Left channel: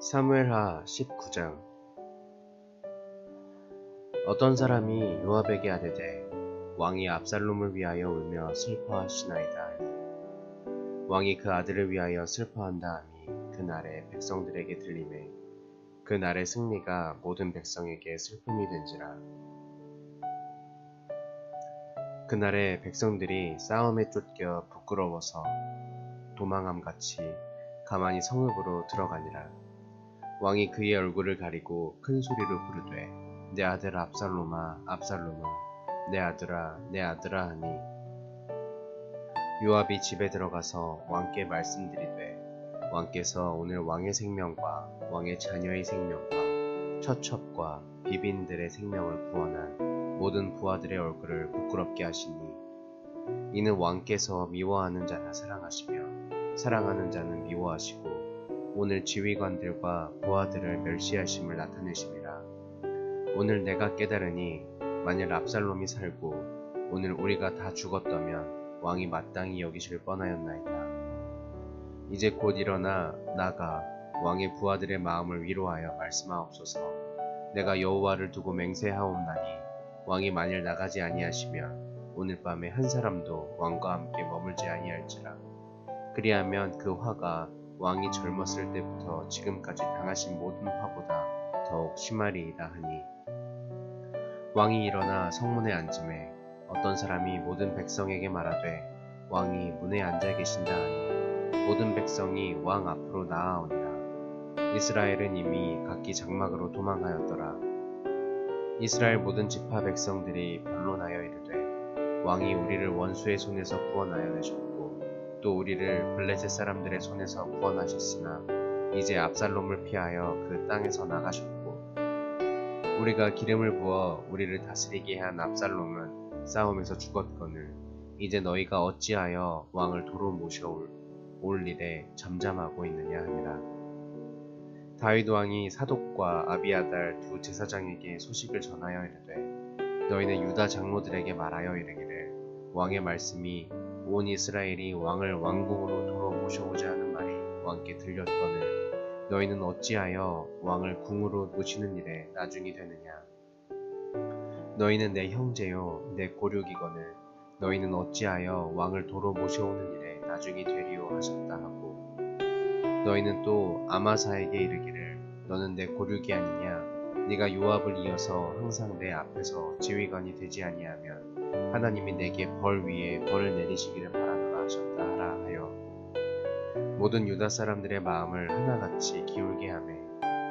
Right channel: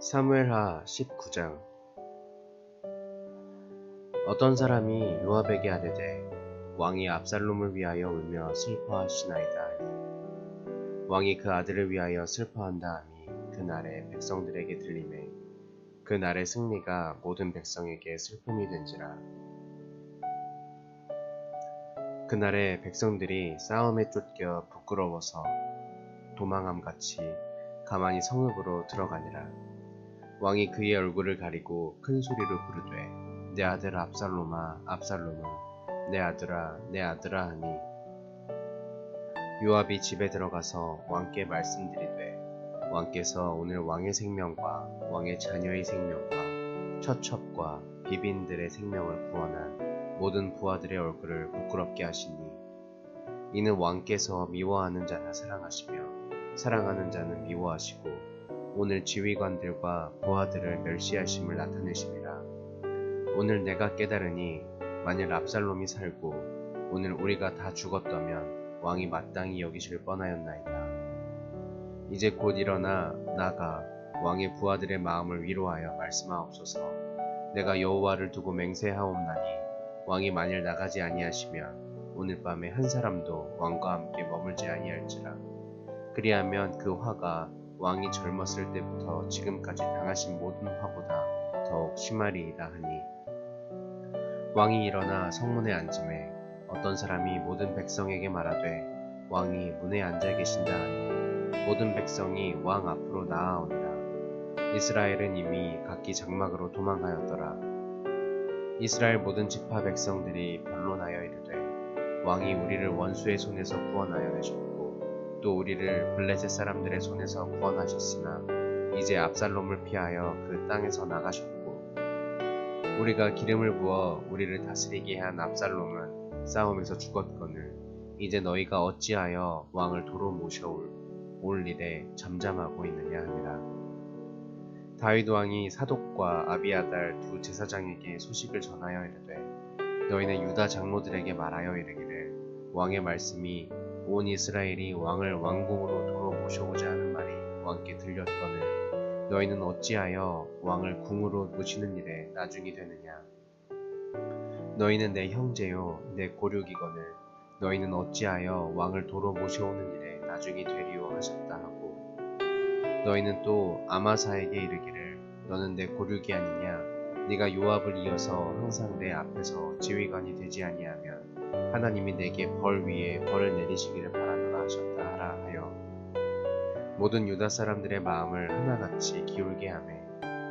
사무엘하 19장. 어떤 사람이 요압에게 아뢰되 왕이 압살롬을 위하여 울며 슬퍼하시나이다 하니 왕이 그 아들을 위하여 슬퍼한다 하니 그날에 백성들에게 들림에 그날의 승리가 모든 백성에게 슬픔이 된지라. 그날에 백성들이 싸움에 쫓겨 부끄러워서 도망함같이 가만히 성읍으로 들어가니라 왕이 그의 얼굴을 가리고 큰 소리로 부르되 내 아들 압살롬아 압살롬아 내 아들아 내 아들아 하니. 요압이 집에 들어가서 왕께 말씀드리되 왕께서 오늘 왕의 생명과 왕의 자녀의 생명과 처첩과 비빈들의 생명을 구원한 모든 부하들의 얼굴을 부끄럽게 하시니 이는 왕께서 미워하는 자는 사랑하시며 사랑하는 자는 미워하시고 오늘 지휘관들과 부하들을 멸시하심을 나타내심이라. 오늘 내가 깨달으니 만일 압살롬이 살고 오늘 우리가 다 죽었다면 왕이 마땅히 여기실 뻔하였나이다. 이제 곧 일어나 나가 왕의 부하들의 마음을 위로하여 말씀하옵소서. 내가 여호와를 두고 맹세하옵나니 왕이 만일 나가지 아니하시면 오늘 밤에 한 사람도 왕과 함께 머물지 아니할지라. 그리하면 그 화가 왕이 젊었을 때부터 지금까지 당하신 모든 화보다 더욱 심하리이다 하니. 왕이 일어나 성문에 앉음에 어떤 사람이 모든 백성에게 말하되 왕이 문에 앉아 계신다 하니 모든 백성이 왕 앞으로 나아오니라. 이스라엘은 이미 각기 장막으로 도망하였더라. 이스라엘 모든 지파 백성들이 변론하여 이르되 왕이 우리를 원수의 손에서 구원하여 내셨고 또 우리를 블레셋 사람들의 손에서 구원하셨으나 이제 압살롬을 피하여 그 땅에서 나가셨고 우리가 기름을 부어 우리를 다스리게 한 압살롬은 싸움에서 죽었거늘 이제 너희가 어찌하여 왕을 도로 모셔올 올 일에 잠잠하고 있느냐 하니라. 다윗 왕이 사독과 아비아달 두 제사장에게 소식을 전하여 이르되 너희는 유다 장로들에게 말하여 이르기를 왕의 말씀이 온 이스라엘이 왕을 왕궁으로 도로 모셔오자 하는 말이 왕께 들렸거늘. 너희는 어찌하여 왕을 궁으로 모시는 일에 나중이 되느냐? 너희는 내 형제요 내 고륙이거늘. 너희는 어찌하여 왕을 도로 모셔오는 일에 나중이 되리요 하셨다 하고. 너희는 또 아마사에게 이르기를 너는 내 고륙이 아니냐? 네가 요압을 이어서 항상 내 앞에서 지휘관이 되지 아니하면 하나님이 내게 벌 위에 벌을 내리시기를 바라노라 하셨다 하라 하여. 모든 유다 사람들의 마음을 하나같이 기울게 하매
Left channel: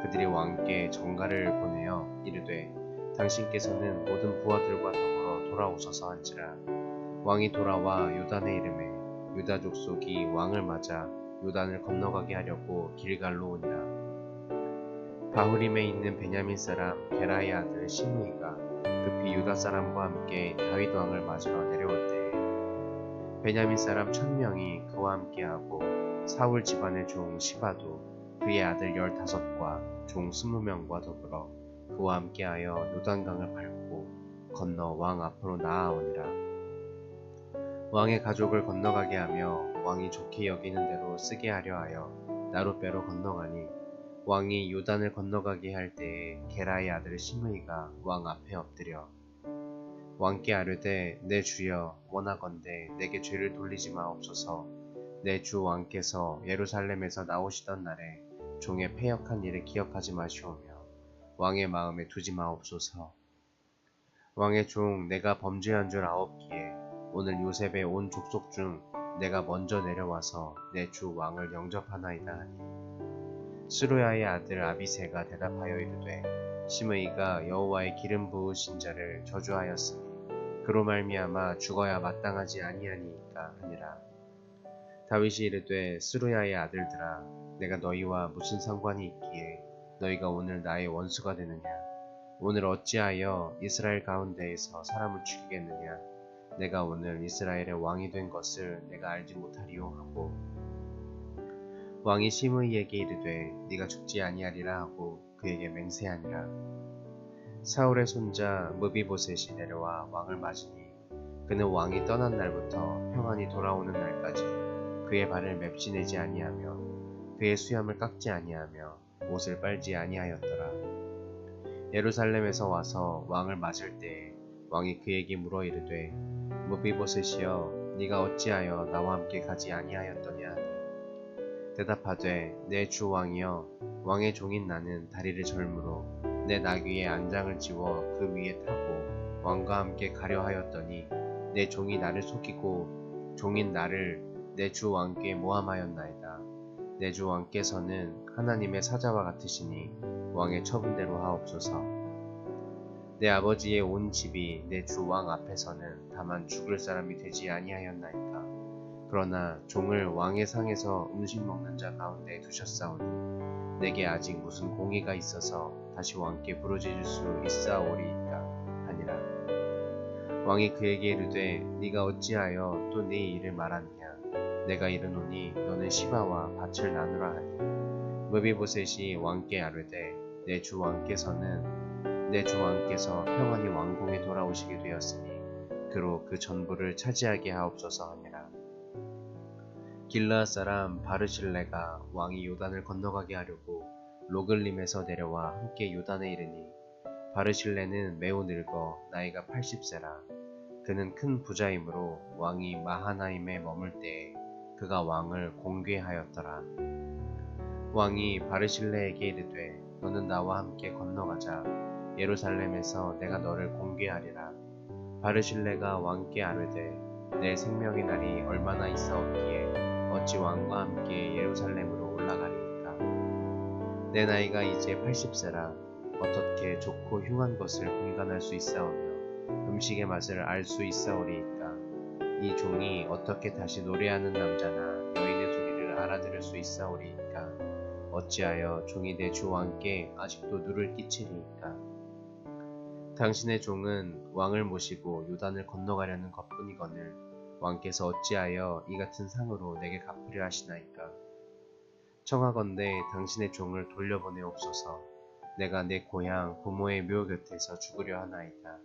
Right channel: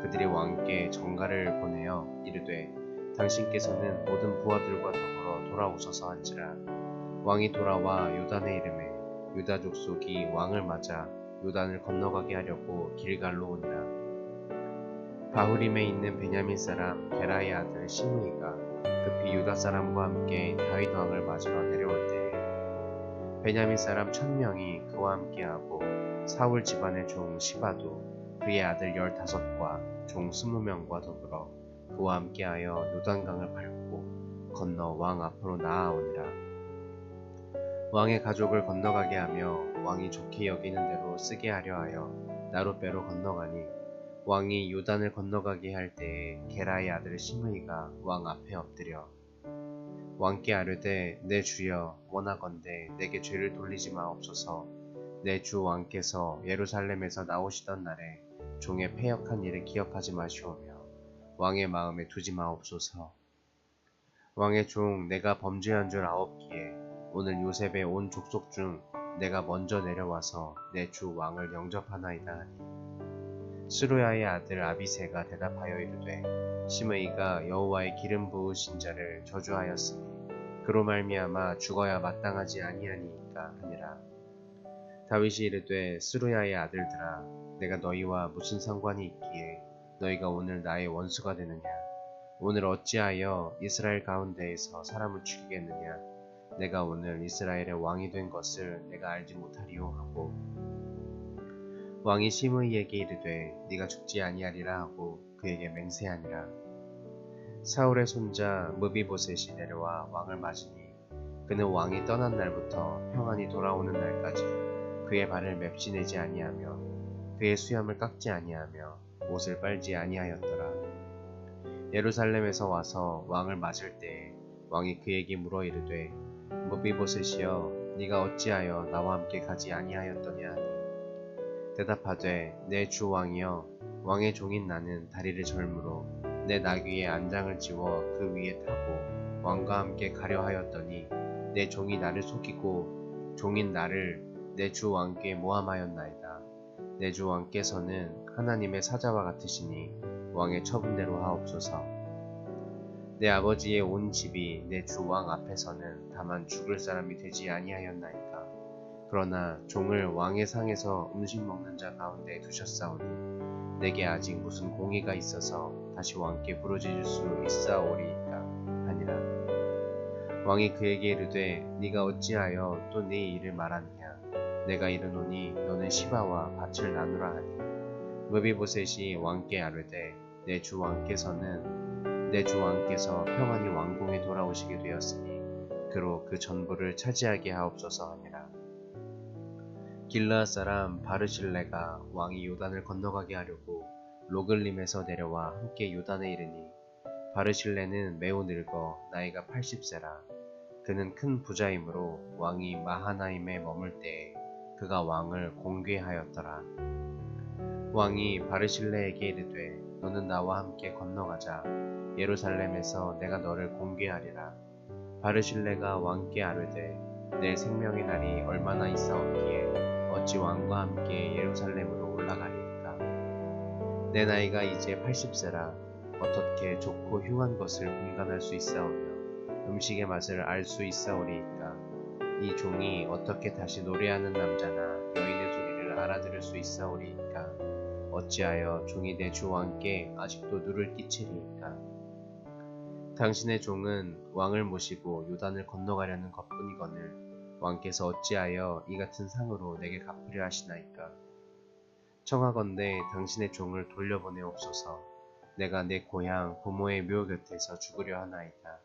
그들이 왕께 정가를 보내어 이르되 당신께서는 모든 부하들과 더불어 돌아오셔서 한지라. 왕이 돌아와 요단의 이름에 유다 족속이 왕을 맞아 요단을 건너가게 하려고 길갈로 오니라. 바후림에 있는 베냐민 사람 게라의 아들 시므이가 급히 유다 사람과 함께 다윗 왕을 맞으러 내려올 때에 베냐민 사람 천명이 그와 함께하고 사울 집안의 종 시바도 그의 아들 열다섯과 종 스무 명과 더불어 그와 함께하여 요단강을 밟고 건너 왕 앞으로 나아오니라. 왕의 가족을 건너가게 하며 왕이 좋게 여기는 대로 쓰게 하려 하여 나룻배로 건너가니 왕이 요단을 건너가게 할 때에 게라의 아들 시므이가 왕 앞에 엎드려 왕께 아뢰되 내 주여. 원하건대 내게 죄를 돌리지 마옵소서 내 주 왕께서 예루살렘에서 나오시던 날에 종의 패역한 일을 기억하지 마시오며 왕의 마음에 두지 마옵소서. 왕의 종 내가 범죄한 줄 아옵기에 오늘 요셉의 온 족속 중 내가 먼저 내려와서 내 주 왕을 영접하나이다 하니 스루야의 아들 아비세가 대답하여 이르되 시므이가 여호와의 기름 부으신 자를 저주하였으니 그로 말미암아 죽어야 마땅하지 아니하니이까 하니라. 다윗이 이르되 스루야의 아들들아 내가 너희와 무슨 상관이 있기에 너희가 오늘 나의 원수가 되느냐? 오늘 어찌하여 이스라엘 가운데에서 사람을 죽이겠느냐? 내가 오늘 이스라엘의 왕이 된 것을 내가 알지 못하리요 하고 왕이 시므이에게 이르되 네가 죽지 아니하리라 하고 그에게 맹세하니라. 사울의 손자 무비보셋이 내려와 왕을 맞으니 그는 왕이 떠난 날부터 평안히 돌아오는 날까지 그의 발을 맵지내지 아니하며 그의 수염을 깎지 아니하며 옷을 빨지 아니하였더라. 예루살렘에서 와서 왕을 맞을 때에 왕이 그에게 물어 이르되 무비보셋이여 네가 어찌하여 나와 함께 가지 아니하였더냐 하니 대답하되 내 주 왕이여 왕의 종인 나는 다리를 절므로 내 나귀에 안장을 지워 그 위에 타고 왕과 함께 가려 하였더니 내 종이 나를 속이고 종인 나를 내 주 왕께 모함하였나이다. 내 주 왕께서는 하나님의 사자와 같으시니 왕의 처분대로 하옵소서. 내 아버지의 온 집이 내 주 왕 앞에서는 다만 죽을 사람이 되지 아니하였나이까. 그러나 종을 왕의 상에서 음식 먹는 자 가운데 두셨사오니 내게 아직 무슨 공의가 있어서 다시 왕께 부르짖을 수 있사오리이까 하니라. 왕이 그에게 이르되 네가 어찌하여 또 네 일을 말하느냐? 내가 이르노니 너는 시바와 밭을 나누라 하니. 무비보셋이 왕께 아뢰되 내 주 왕께서는 내 주 왕께서 평안히 왕궁에 돌아오시게 되었으니 그로 그 전부를 차지하게 하옵소서 하니라 길라앗 사람 바르실레가 왕이 요단을 건너가게 하려고 로글림에서 내려와 함께 요단에 이르니 바르실레는 매우 늙어 나이가 80세라 그는 큰 부자이므로 왕이 마하나임에 머물 때에 그가 왕을 공개하였더라. 왕이 바르실레에게 이르되 너는 나와 함께 건너가자 예루살렘에서 내가 너를 공개하리라. 바르실레가 왕께 아뢰되 내 생명의 날이 얼마나 있사옵기에 어찌 왕과 함께 예루살렘으로 올라가리이까. 내 나이가 이제 80세라 어떻게 좋고 흉한 것을 분간할 수 있사오며 음식의 맛을 알 수 있사오리이까? 이 종이 어떻게 다시 노래하는 남자나 여인의 소리를 알아들을 수 있사오리이까? 어찌하여 종이 내 주 왕께 아직도 누를 끼치리이까? 당신의 종은 왕을 모시고 요단을 건너가려는 것뿐이거늘 왕께서 어찌하여 이 같은 상으로 내게 갚으려 하시나이까 청하건대 당신의 종을 돌려보내옵소서 내가 내 고향 부모의 묘 곁에서 죽으려 하나이다.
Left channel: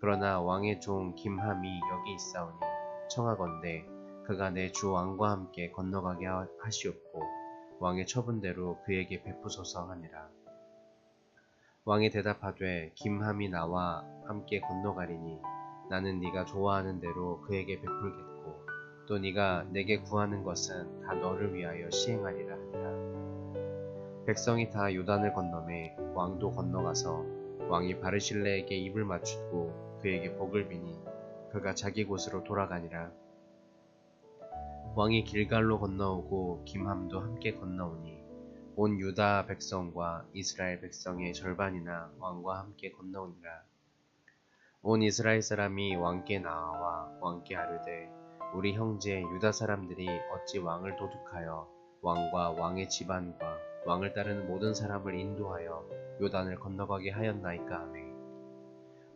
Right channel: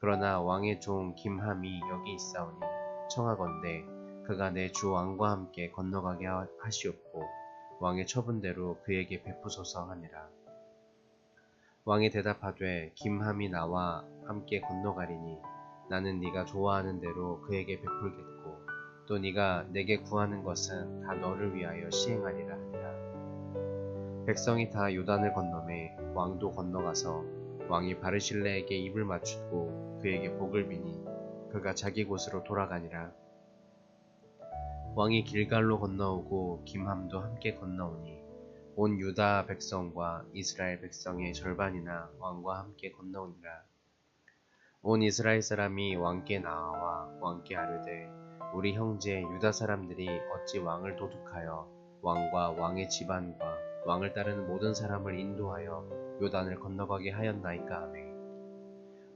그러나 왕의 종 김함이 여기 있사오니 청하건대 그가 내 주 왕과 함께 건너가게 하시옵고 왕의 처분대로 그에게 베푸소서 하니라. 왕이 대답하되 김함이 나와 함께 건너가리니 나는 네가 좋아하는 대로 그에게 베풀겠고 또 네가 내게 구하는 것은 다 너를 위하여 시행하리라 하니라. 백성이 다 요단을 건너매 왕도 건너가서 왕이 바르실레에게 입을 맞추고 그에게 복을 비니 그가 자기 곳으로 돌아가니라. 왕이 길갈로 건너오고 김함도 함께 건너오니 온 유다 백성과 이스라엘 백성의 절반이나 왕과 함께 건너오니라. 온 이스라엘 사람이 왕께 나와 왕께 아뢰되 우리 형제 유다 사람들이 어찌 왕을 도둑하여 왕과 왕의 집안과 왕을 따르는 모든 사람을 인도하여 요단을 건너가게 하였나이까 하매.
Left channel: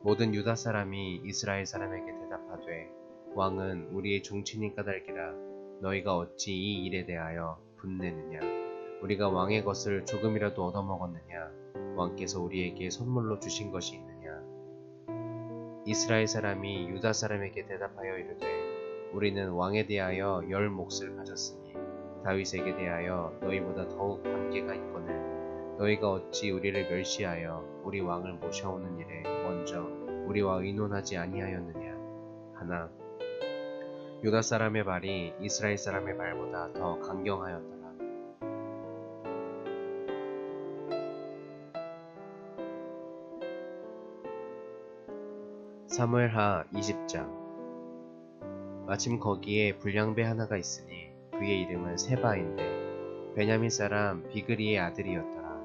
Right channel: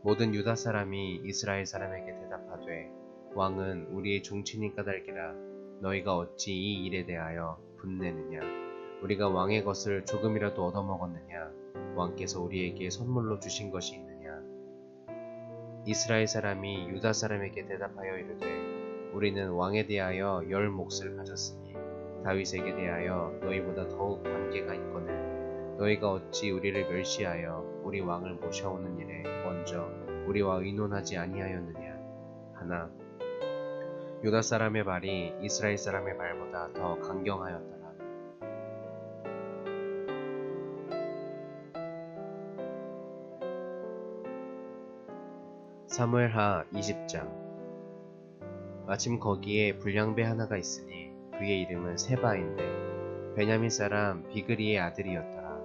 모든 유다 사람이 이스라엘 사람에게 대답하되 왕은 우리의 종친인 까닭이라 너희가 어찌 이 일에 대하여 분내느냐? 우리가 왕의 것을 조금이라도 얻어먹었느냐? 왕께서 우리에게 선물로 주신 것이 있느냐 이스라엘 사람이 유다 사람에게 대답하여 이르되 우리는 왕에 대하여 열 몫을 가졌으니 다윗에게 대하여 너희보다 더욱 관계가 있거늘. 너희가 어찌 우리를 멸시하여 우리 왕을 모셔오는 일에 먼저 우리와 의논하지 아니하였느냐? 하나 유다 사람의 말이 이스라엘 사람의 말보다 더 강경하였더 사무엘하 20장 마침 거기에 불량배 하나가 있으니 그의 이름은 세바인데 베냐민 사람 비그리의 아들이었더라.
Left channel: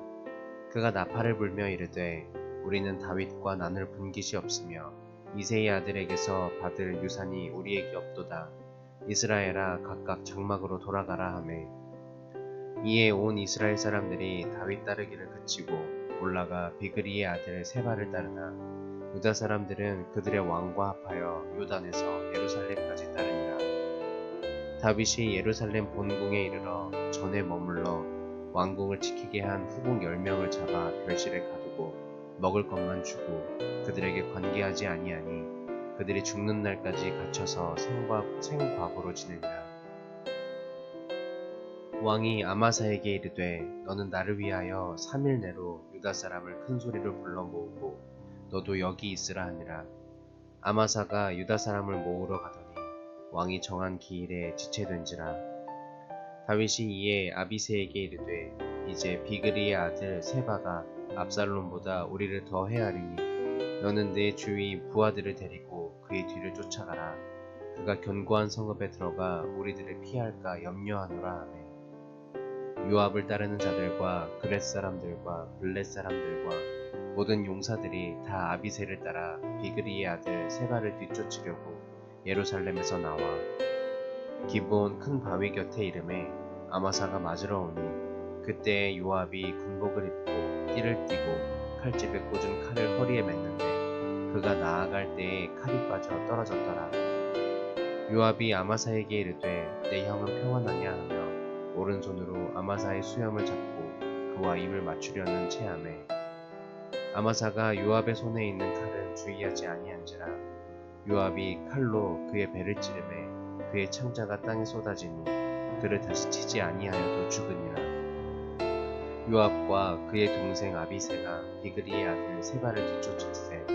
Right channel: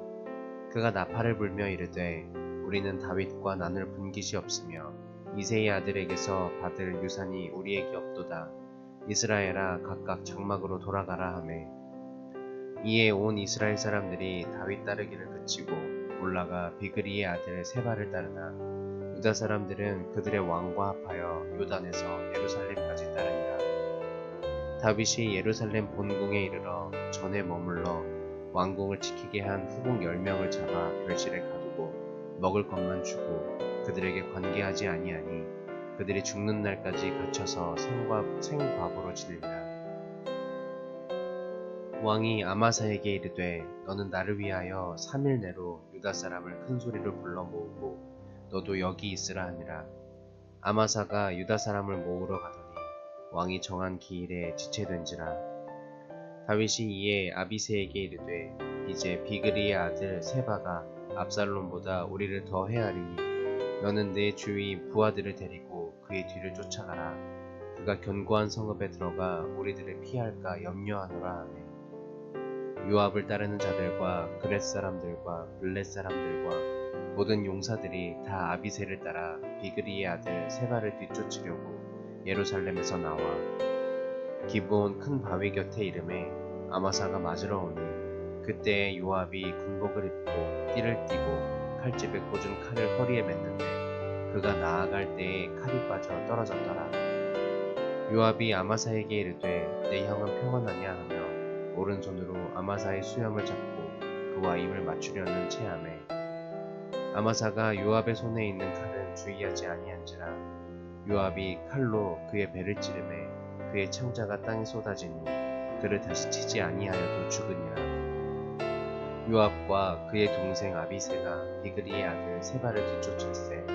그가 나팔을 불며 이르되 우리는 다윗과 나눌 분깃이 없으며 이세의 아들에게서 받을 유산이 우리에게 없도다. 이스라엘아 각각 장막으로 돌아가라 하매 이에 온 이스라엘 사람들이 다윗 따르기를 그치고 올라가 비그리의 아들 세바를 따르나 유다 사람들은 그들의 왕과 합하여 요단에서 예루살렘까지 따르니라. 다윗이 예루살렘 본궁에 이르러 전에 머물러 왕궁을 지키게 한 후궁 10명을 잡아 별실에 가두고 먹을 것만 주고 그들에게 관계하지 아니하니 그들이 죽는 날까지 갇혀서 생과, 생과부로 지내니라. 왕이 아마사에게 이르되 너는 나를 위하여 3일 내로 유다 사람을 큰 소리로 불러 모으고 너도 여기 있으라 하니라. 아마사가 유다 사람을 모으러 가더니 왕이 정한 기일에 지체된지라. 다윗이 이에 아비세에게 이르되 이제 비그리의 아들 세바가 압살롬보다 우리를 더 헤아리니 너는 내 주위 부하들을 데리고 그의 뒤를 쫓아가라. 그가 견고한 성읍에 들어가 우리들을 피할까 염려하노라 하매 요압을 따르는 자들과 그렛 사람들과 블렛 사람들과 모든 용사들이 다 아비세를 따라 비그리의 아들 세바를 뒤쫓으려고 예루살렘에서 나와 기브온 큰 바위 곁에 이름에 아마사가 맞으러 오니 그때 요압이 군복을 입고 띠를 띠고 칼집에 꽂은 칼을 허리에 맸는데 그가 나아갈 때에 칼이 빠져 떨어졌더라. 요압이 아마사에게 이르되 내 형은 평안하냐 하며 오른손으로 아마사의 수염을 잡고 그와 입을 맞추려는 체함에 아마사가 요압의 손에 있는 칼은 주의하지 아니한지라 요압이 칼로 그의 배를 찌르매 그의 창자가 땅에 쏟아지니 그를 다시 치지 아니하여도 죽으니라. 요압과 그의 동생 아비세가 비그리의 아들 세바를 뒤쫓을세.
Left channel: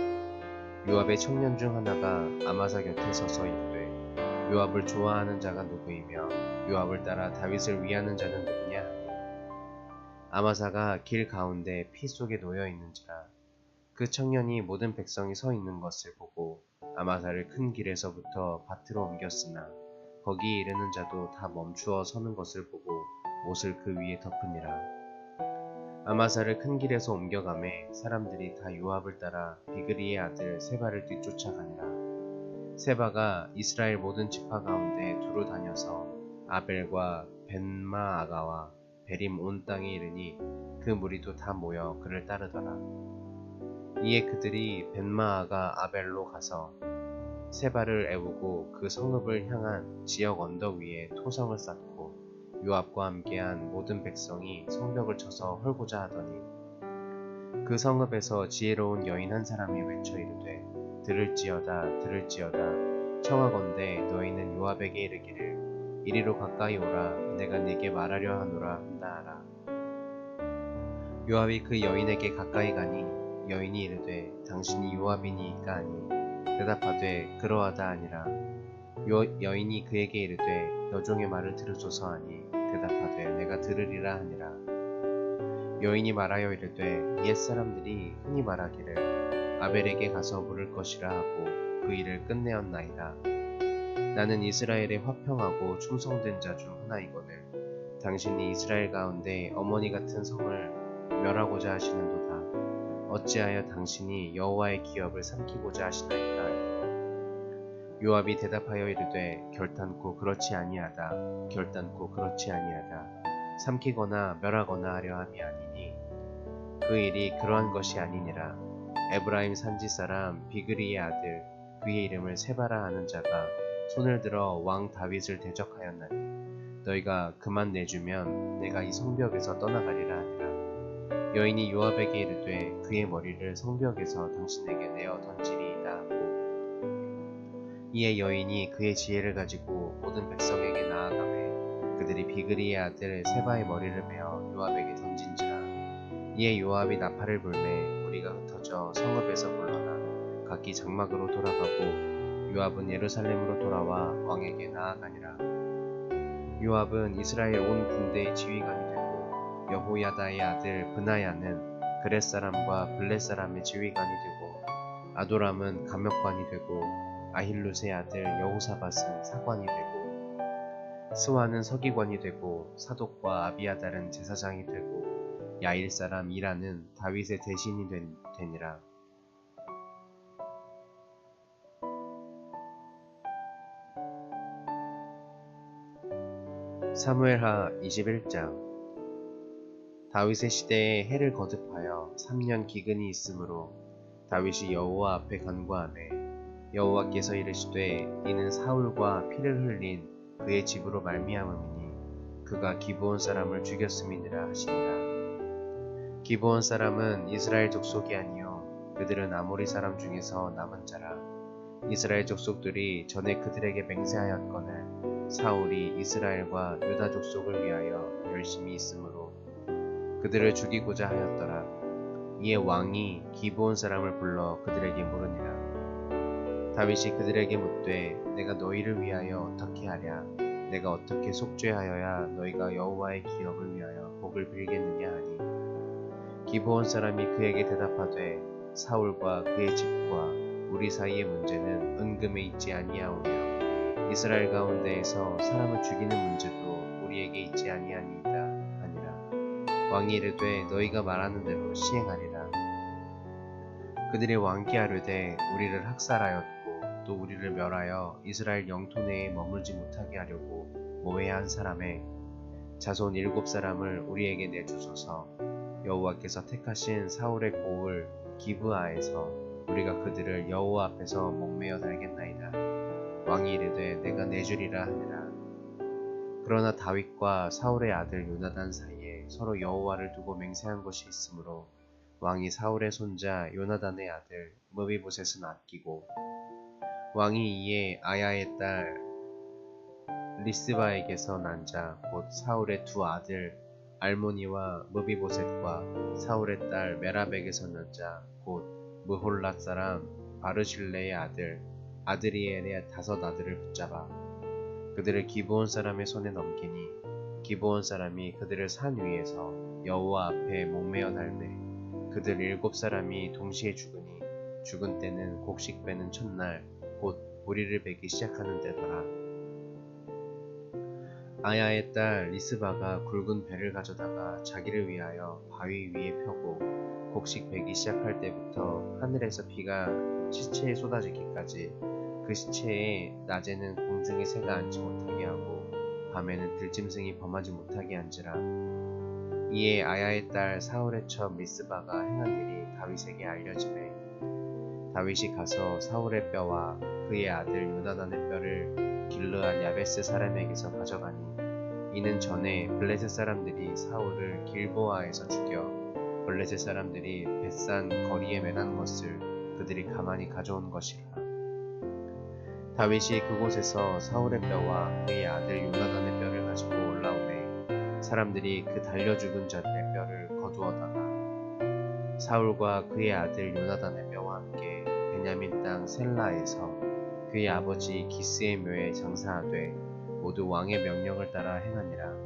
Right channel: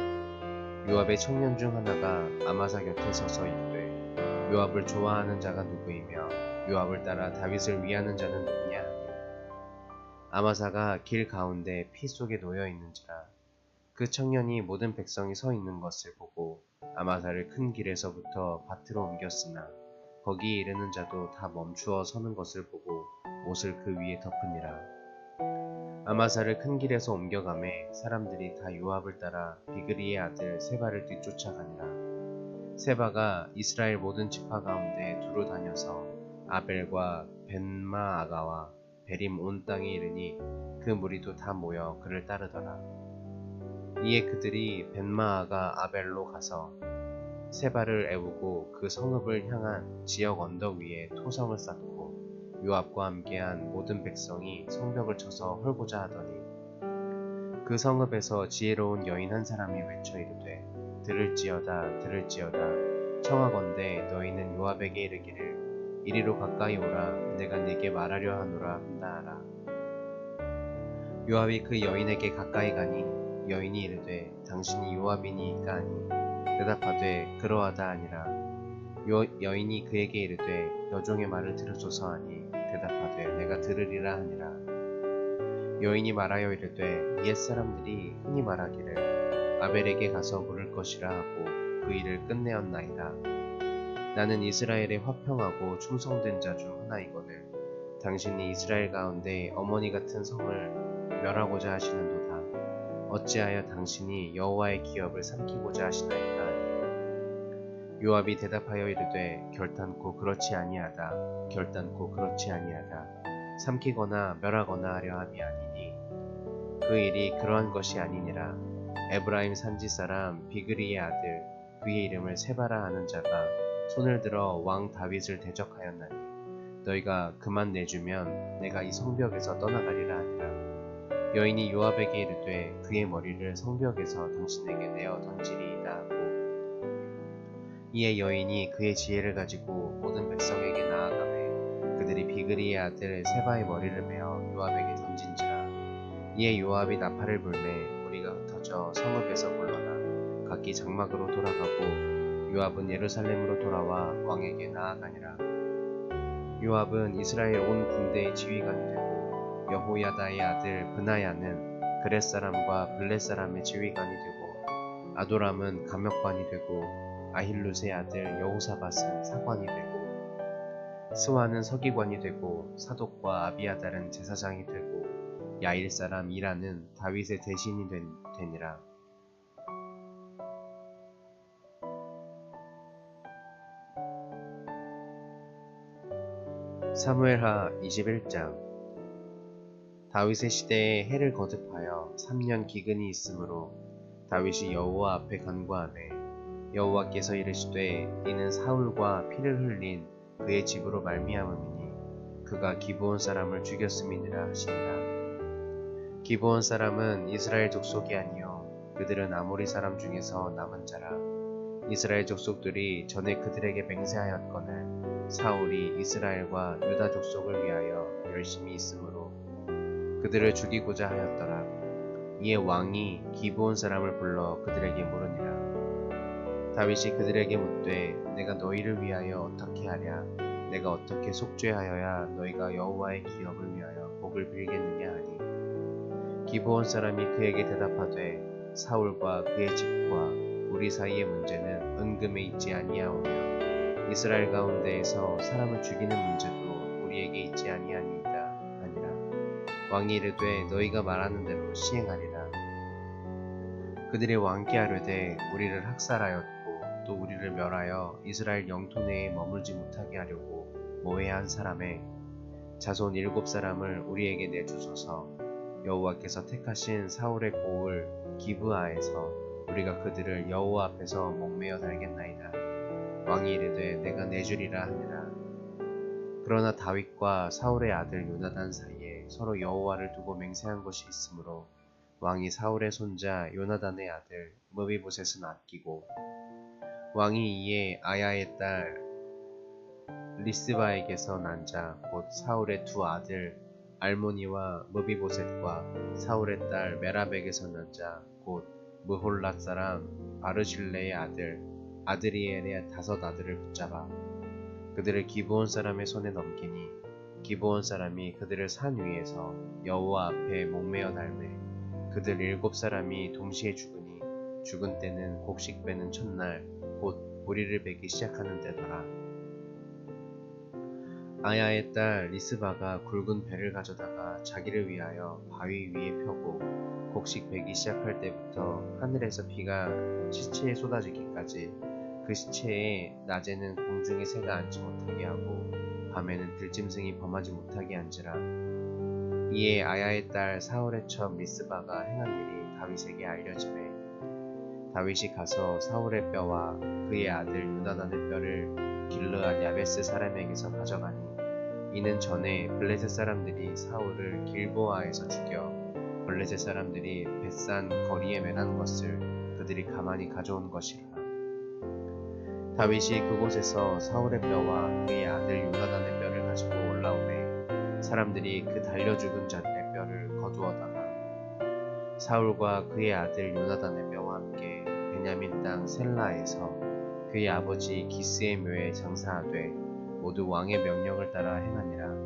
요압의 청년 중 하나가 아마사 곁에 서서 이르되 요압을 좋아하는 자가 누구이며 요압을 따라 다윗을 위하는 자는 누구냐 아마사가 길 가운데 피 속에 놓여 있는지라 그 청년이 모든 백성이 서 있는 것을 보고 아마사를 큰 길에서부터 밭으로 옮겼으나 거기 이르는 자도 다 멈추어 서는 것을 보고 옷을 그 위에 덮으니라. 아마사를 큰 길에서 옮겨가매 사람들이 다 요압을 따라 비그리의 아들 세바를 뒤쫓아가니라. 세바가 이스라엘 모든 지파 가운데 두루 다녀서 아벨과 벤마아가와 베림 온 땅에 이르니 그 무리도 다 모여 그를 따르더라. 이에 그들이 벤마아가 아벨로 가서 세바를 애우고 그 성읍을 향한 지역 언덕 위에 토성을 쌓고 요압과 함께한 모든 백성이 성벽을 쳐서 헐고자 하더니 그 성읍에서 지혜로운 여인 한 사람이 외쳐 이르되 들을지어다 들을지어다 청하건대 너희는 요압에게 이르기를 이리로 가까이 오라. 내가 네게 말하려 하노라. 하라. 요압이 그 여인에게 가까이 가니 여인이 이르되 당신이 요압이니까 하니 대답하되 그러하다 아니라 요, 여인이 그에게 이르되 여종의 말을 들으소서 하니 대답하되 내가 들으리라 하니라. 여인이 말하여 이르되 옛 사람들이 흔히 말하기를 아벨에게 가서 물을 것이라 하고 그 일을 끝내었나이다. 나는 이스라엘의 화평하고 충성된 자 중 하나이거늘 당신이 이스라엘 가운데 어머니 같은 성을 멸하고자 하시는도다. 어찌하여 당신이 여호와의 기업을 삼키고자 하시나이까 요압이 대답하여 이르되 결단코 그렇지 아니하다. 결단코 그렇지 아니하다. 삼키거나 멸하거나 하려 함이 아니니 그 일이 그러한 것이 아니니라. 에브라임 산지 사람 비그리의 아들 그의 이름을 세바라 하는 자가 손을 들어 왕 다윗을 대적하였나니 너희가 그만 내주면 내가 이 성벽에서 떠나가리라 하니라. 여인이 요압에게 이르되 그의 머리를 성벽에서 당신에게 내어 던지리이다 하고 이에 여인이 그의 지혜를 가지고 모든 백성에게 나아가매 그들이 비그리의 아들 세바의 머리를 베어 요압에게 던진지라 이에 요압이 나팔을 불매 무리가 흩어져 성읍에서 물러나 각기 장막으로 돌아가고 요압은 예루살렘으로 돌아와 왕에게 나아가니라 요압은 이스라엘 온 군대의 지휘관이 되고 여호야다의 아들 브나야는 그렛 사람과 블렛 사람의 지휘관이 되고 아도람은 감역관이 되고 아힐룻의 아들 여호사밧은 사관이 되고 스와는 서기관이 되고 사독과 아비아달은 제사장이 되고 야일 사람 이라는 다윗의 대신이 된, 되니라. 사무엘하 21장. 다윗의 시대에 해를 거듭하여 3년 기근이 있으므로 다윗이 여호와 앞에 간구하매 여호와께서 이르시되 이는 사울과 피를 흘린 그의 집으로 말미암음이니 그가 기브온 사람을 죽였음이니라 하시니라. 기브온 사람은 이스라엘 족속이 아니요 그들은 아모리 사람 중에서 남은 자라. 이스라엘 족속들이 전에 그들에게 맹세하였거늘 사울이 이스라엘과 유다 족속을 위하여 열심히 있으므로 그들을 죽이고자 하였더라. 이에 왕이 기브온 사람을 불러 그들에게 물으니라. 다윗이 그들에게 묻되 내가 너희를 위하여 어떻게 하랴 내가 어떻게 속죄하여야 너희가 여호와의 기업을 위하여 복을 빌겠느냐 하니 기브온 사람이 그에게 대답하되 사울과 그의 집과 우리 사이의 문제는 은금에 있지 아니하오며 이스라엘 가운데에서 사람을 죽이는 문제도 우리에게 있지 아니하니이다 하니라. 왕이 이르되 너희가 말하는 대로 시행하리라. 그들이 왕께 하려되 우리를 학살하였고 또 우리를 멸하여 이스라엘 영토 내에 머물지 못하게 하려고 모해한 사람의 자손 일곱 사람을 우리에게 내주소서. 여호와께서 택하신 사울의 고을 기브아에서 우리가 그들을 여호와 앞에서 목매어 달겠나이다. 왕이 이르되 내가 내주리라 하니라. 그러나 다윗과 사울의 아들 요나단 사이에 서로 여호와를 두고 맹세한 것이 있으므로 왕이 사울의 손자 요나단의 아들 무비보셋은 아끼고 왕이 이에 아야의 딸 리스바에게서 난 자 곧 사울의 두 아들 알모니와 무비보셋과 사울의 딸 메라백에서 난 자 곧 무홀랏 사람 바르실레의 아들 아드리엘의 다섯 아들을 붙잡아 그들을 기브온 사람의 손에 넘기니 기브온 사람이 그들을 산 위에서 여호와 앞에 목매어 달매 그들 일곱 사람이 동시에 죽으니 죽은 때는 곡식 빼는 첫날 곧 보리를 베기 시작하는 때더라. 아야의 딸 리스바가 굵은 배를 가져다가 자기를 위하여 바위 위에 펴고 곡식 베기 시작할 때부터 하늘에서 비가 시체에 쏟아지기까지 그 시체에 낮에는 공중에 새가 앉지 못하게 하고 밤에는 들짐승이 범하지 못하게 한지라. 이에 아야의 딸 사울의 첩 리스바가 행한 일이 다윗에게 알려지매 다윗이 가서 사울의 뼈와 그의 아들 요나단의 뼈를 길르앗 야베스 사람에게서 가져가니 이는 전에 블레셋 사람들이 사울을 길보아에서 죽여 블레셋 사람들이 벳산 거리에 매난 것을 그들이 가만히 가져온 것이라 다윗이 그곳에서 사울의 뼈와 그의 아들 요나단의 뼈를 가지고 올라오매 사람들이 그 달려 죽은 자들의 뼈를 거두어다가 사울과 그의 아들 요나단의 뼈와 함께 베냐민 땅 셀라에서 그의 아버지 기스의 묘에 장사하되 모두 왕의 명령을 따라 행하니라.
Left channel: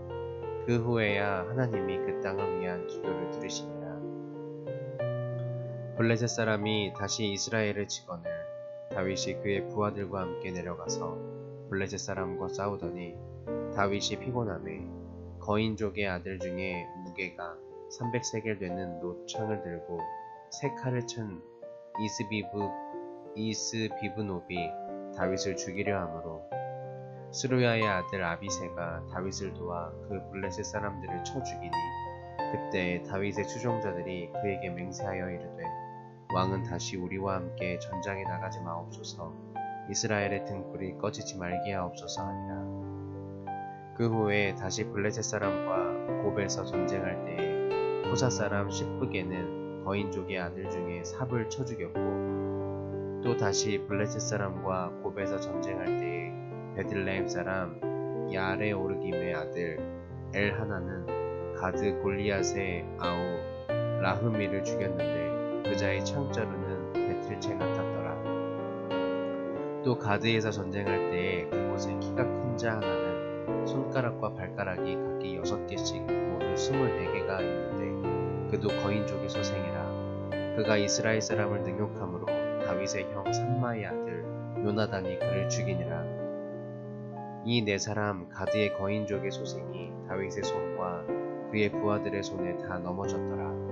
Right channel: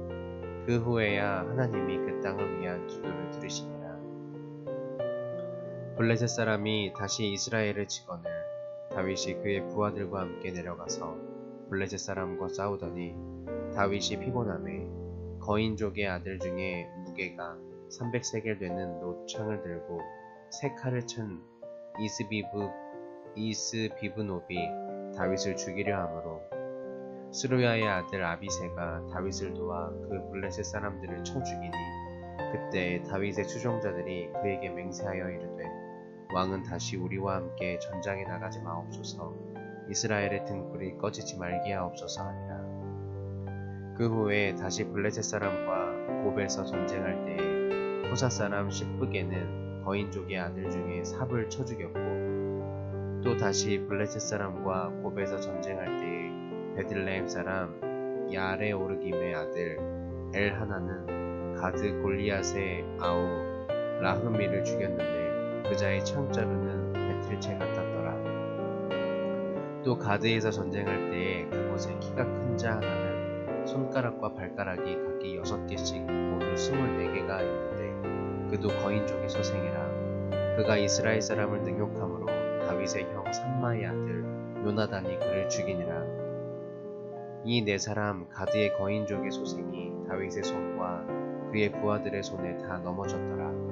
그 후에야 하나님이 그 땅을 위한 기도를 들으시니라. 블레셋 사람이 다시 이스라엘을 치거늘 다윗이 그의 부하들과 함께 내려가서 블레셋 사람과 싸우더니 다윗이 피곤함에 거인족의 아들 중에 무게가 300세겔 되는 노창을 들고 세 칼을 친 이스비브 이스비브노비 다윗을 죽이려 하므로 스루야의 아들 아비세가 다윗을 도와 그 블레셋 사람들을 쳐 죽이니 그때 다윗의 추종자들이 그에게 맹세하여 이르되 왕은 다시 우리와 함께 전장에 나가지 마옵소서. 이스라엘의 등불이 꺼지지 말게 하옵소서 하니라. 그 후에 다시 블레셋 사람과 곱에서 전쟁할 때에 호사 사람 시프게는 거인족의 아들 중에 삽을 쳐 죽였고 또 다시 블레셋 사람과 곱에서 전쟁할 때에 베들레헴 사람 야레 오르김의 아들 엘 하나는 가드 골리앗의 아우 라흐미를 죽였는데 그자의 창자루는 배틀채 같았더라. 또 가드에서 전쟁할 때에 그곳에 키가 큰 자 하나는 손가락과 발가락이 각기 여섯 개씩 모두 스물네 개가 있는데 그도 거인족의 소생이라. 그가 이스라엘 사람을 능욕함으로 다윗의 형 삼마의 아들 요나단이 그를 죽이니라. 이 네 사람 가드의 거인족의 소생이 다윗의 손과 그의 부하들의 손에 다 넘어졌더라